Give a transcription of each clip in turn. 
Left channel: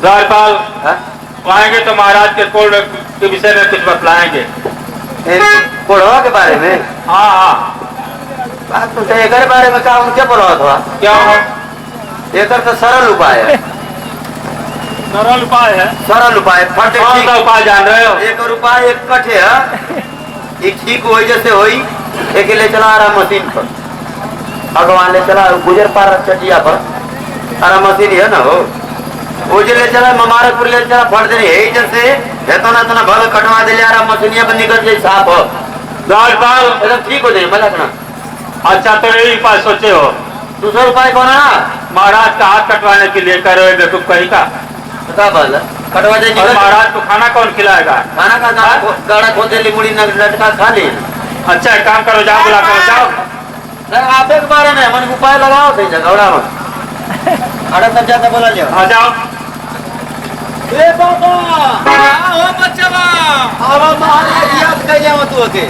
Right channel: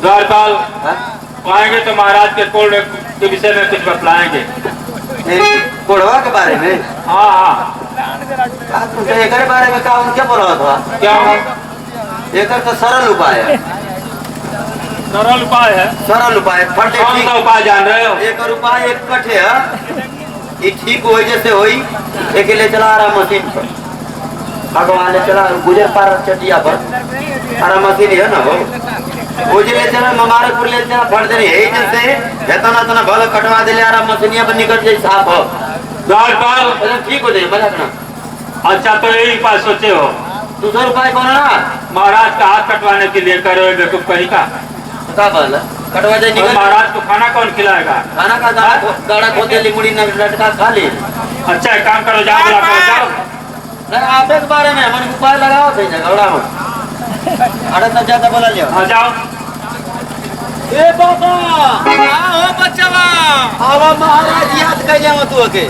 द्वारपाल आएंगे तो महाराज के कोड के विषय में कुछ बतलाएंगे। कोड़वा के बारे में? हाँ हाँ। एक बारे में काम क्या पढ़ा था? क्या हो? एक तो सरल उपाय है। सरल उपाय है? सरल उपाय। फटे कौन सा उपाय जान रहे हो? एक उपाय एक कटे है, ये ठीक हो जैसे होई। एक ले चला रहा मशीन पर, भगवान ले चला गुजर पार चटिया पर सारा मशीन है ना, वो जो ले चला ममारपुर ले चला फट दे यही जैसे इतना इतना भल कटवा दे रहा मशीनिया पर निकल जाए साफ हो। द्वारपाल एकदम ठीक हो जाए मजा करना। अच्छा तो यही उपाय सोचे हो? दूसरा उपाय कौन है? महाराज का हाथ कटवाने के लिए करो बेवकूफ कहीं का कटवा दे निकल। महाराज को खाना कौन खिलाएगा? खाना का गाड़ा खोद दे मुड़ी लटका खा ले। अच्छा एक काम करो, जाओ बुला करो, जाओ। आप एक बारे में मन उपाय लगाओ सही जगह में अरे तब ज्यादा बोला लियो। आ जाओ। ए बाबा ओ बच्चा आवा महाराज याद कर जाओ तू के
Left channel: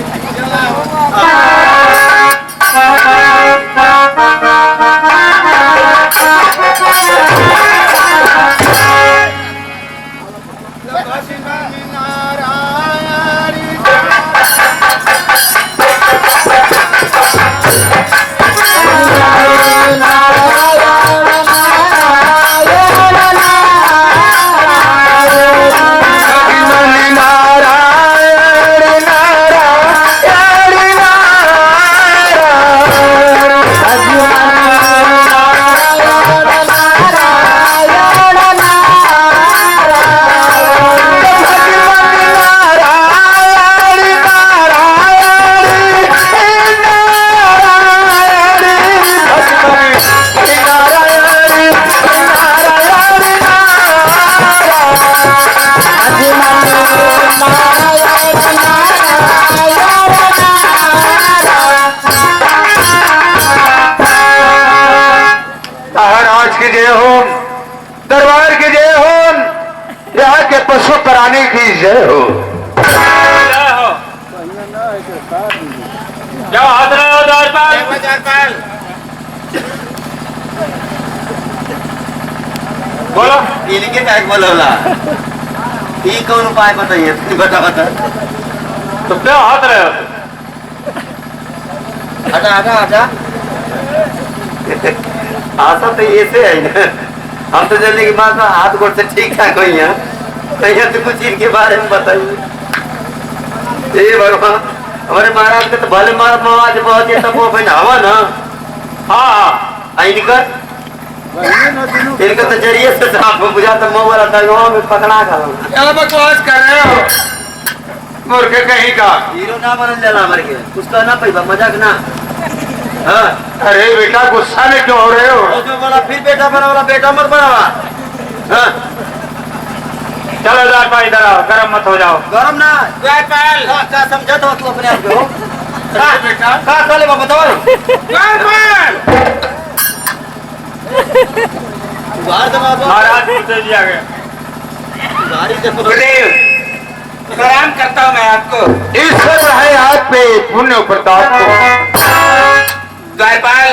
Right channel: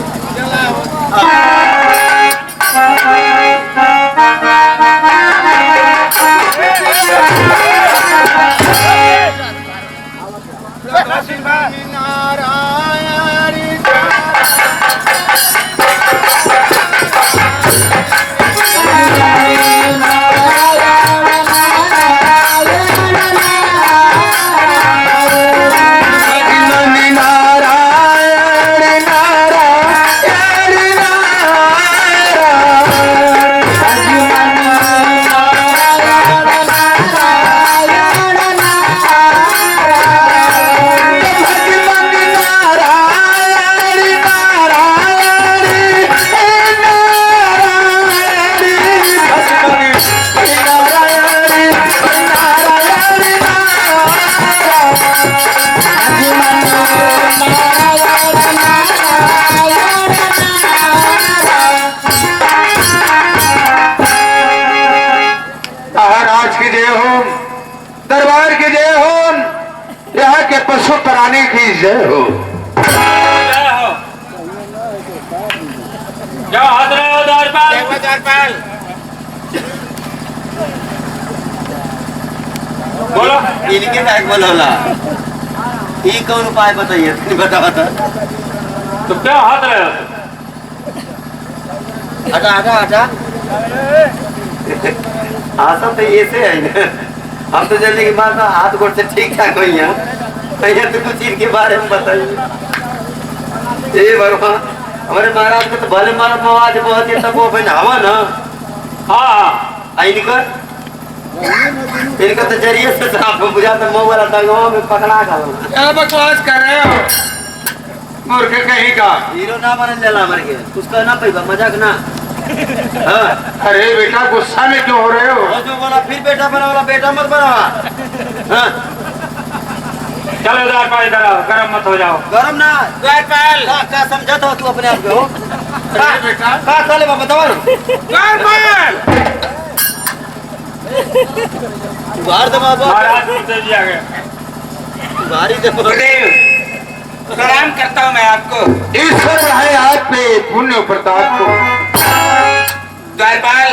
दरबार की जय हो, यहाँ के पशु प्राणी की जय हो। क्या हाथ रहे हो द्वारपाल? बोलो। इनके बैग बोलोला ये कौन उपाय बताइए बता बता। तो क्या हाथ रहे हो? हटा हटा हटा आशा तो ऐसे है ना, हम तो जल्दी की बात हाथ गोड़ से ठीक ठाक हुई है। कहीं तो कुछ इनके बारे में बताइए। ये भगवान हमारे महाराज के तो भले आवाज बहुत है, तब वो हवा ना। हाँ इनका तो जरिए से आपको बुझा तो मुँह वाला दगवा में पकड़ा खा क्या बकवास कर रहे हो मूर्ख कहीं का? हीरो ना बन लेला मर के कुछ कहना पैबा मजाक ना। हाँ अरे बेटा गुस्सा में क्यों हो रहे हो? जो बोला फिर बेटा बना वाला बेटा मत बनावा। हाँ चलो द्वारपाल इधर आओ, गरम मत हो जाओ। गरम ना द्वारपाल क्या समझा था तू अपने आप को? बेटा का खा ले बाबा दवा द्वारपाल बाहर दबा दो। महाराज को दे दिया गया। बाहरी दबा प्रणाम करता हूँ मैं आपको। ईश्वर है हाथ पे पुण्य प्रताप को। द्वारपाल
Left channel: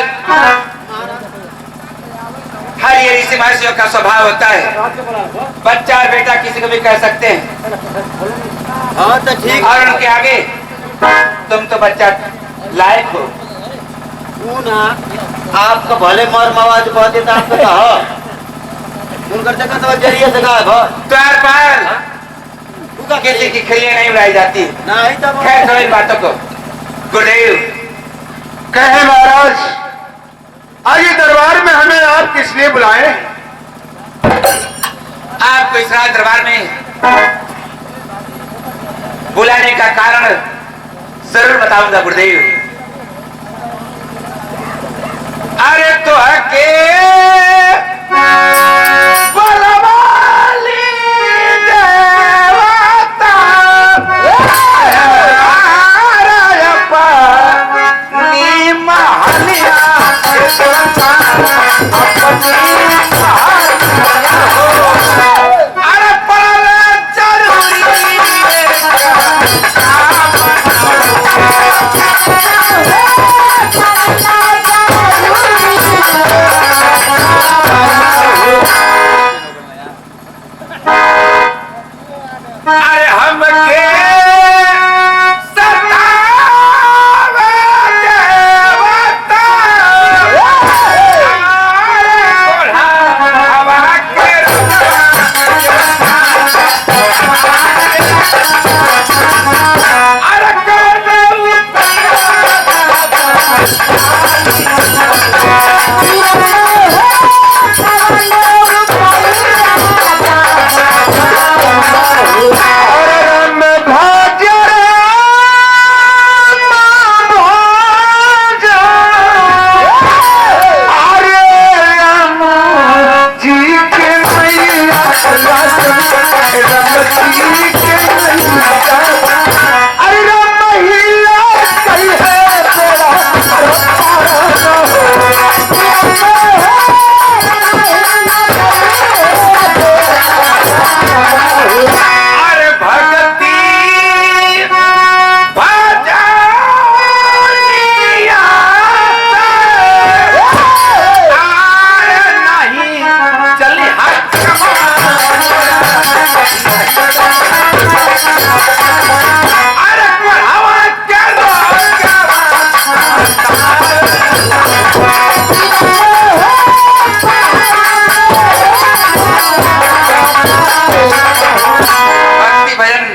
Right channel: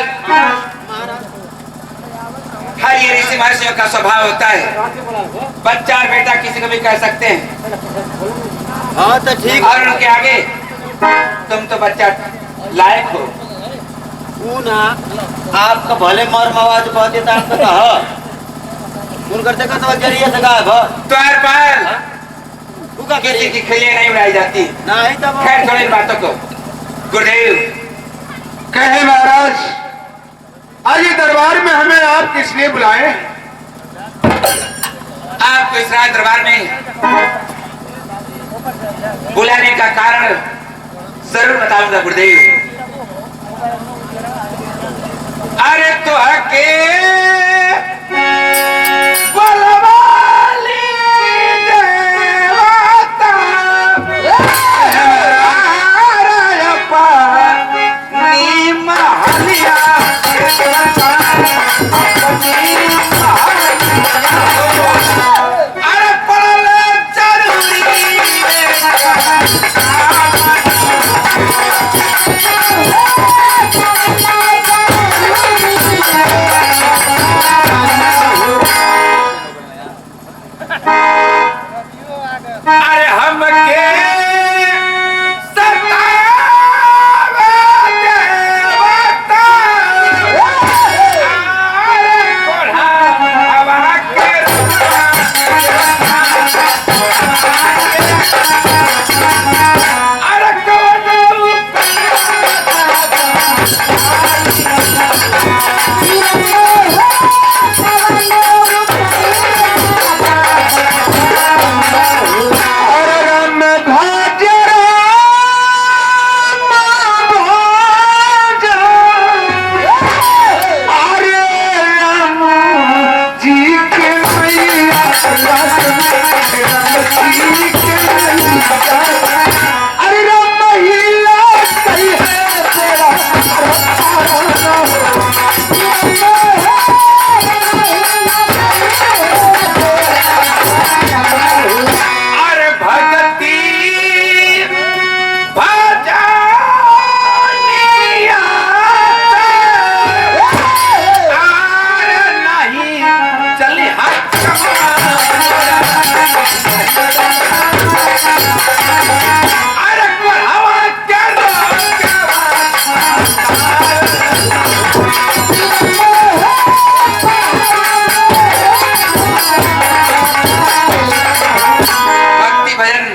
हर ये ऋषि महर्षियों का स्वभाव होता है, बच्चा और बेटा किसी को भी कह सकते हैं। हाँ तो ठीक और उनके आगे तुम तो बच्चा लायक हो। तू ना आपका भले मर आवाज बहुत देता आपका कहा उन करते का तो जरिए से कहा द्वारपाल तू का किसी की खिल्ली नहीं उड़ाई जाती। नहीं तब खैर छोड़ो इन बातों को। गुरुदेव कहे महाराज आज ये दरबार में हमें आप किस लिए बुलाए? आपको इस रात दरबार में बुलाने का कारण जरूर बताऊंगा गुरुदेव। अरे तो हके बलवाली देवता नी महलिया अरे पड़ल जरूरी अरे महिला कही है तेरा अरे भगती भजनिया अरे नहीं चली हाथ अरे बढ़ावा क्या भक्ति भजन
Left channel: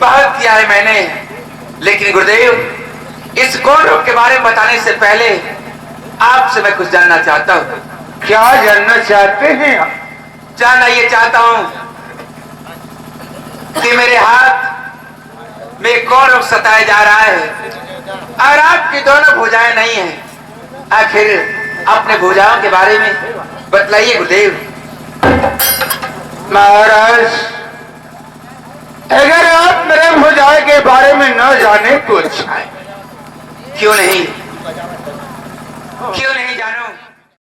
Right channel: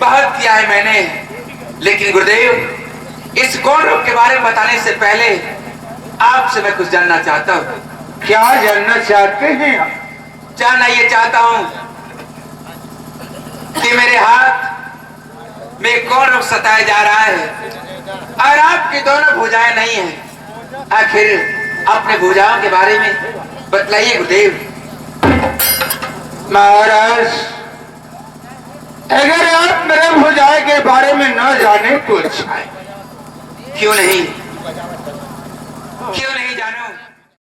बहुत किया है मैंने, लेकिन गुरुदेव इस गौण रूप के बारे में बताने से पहले आपसे मैं कुछ जानना चाहता हूँ। क्या जानना चाहते हैं आप? जानना ये चाहता हूँ कि मेरे हाथ में कौन रोग सताया जा रहा है और आपकी दोनों भुजाएं नहीं हैं। आखिर अपने भुजाओं के बारे में बतलाइए गुरुदेव। महाराज, अगर आप मेरे भुजाए के बारे में न जाने तो अच्छा है। क्यों नहीं जानो?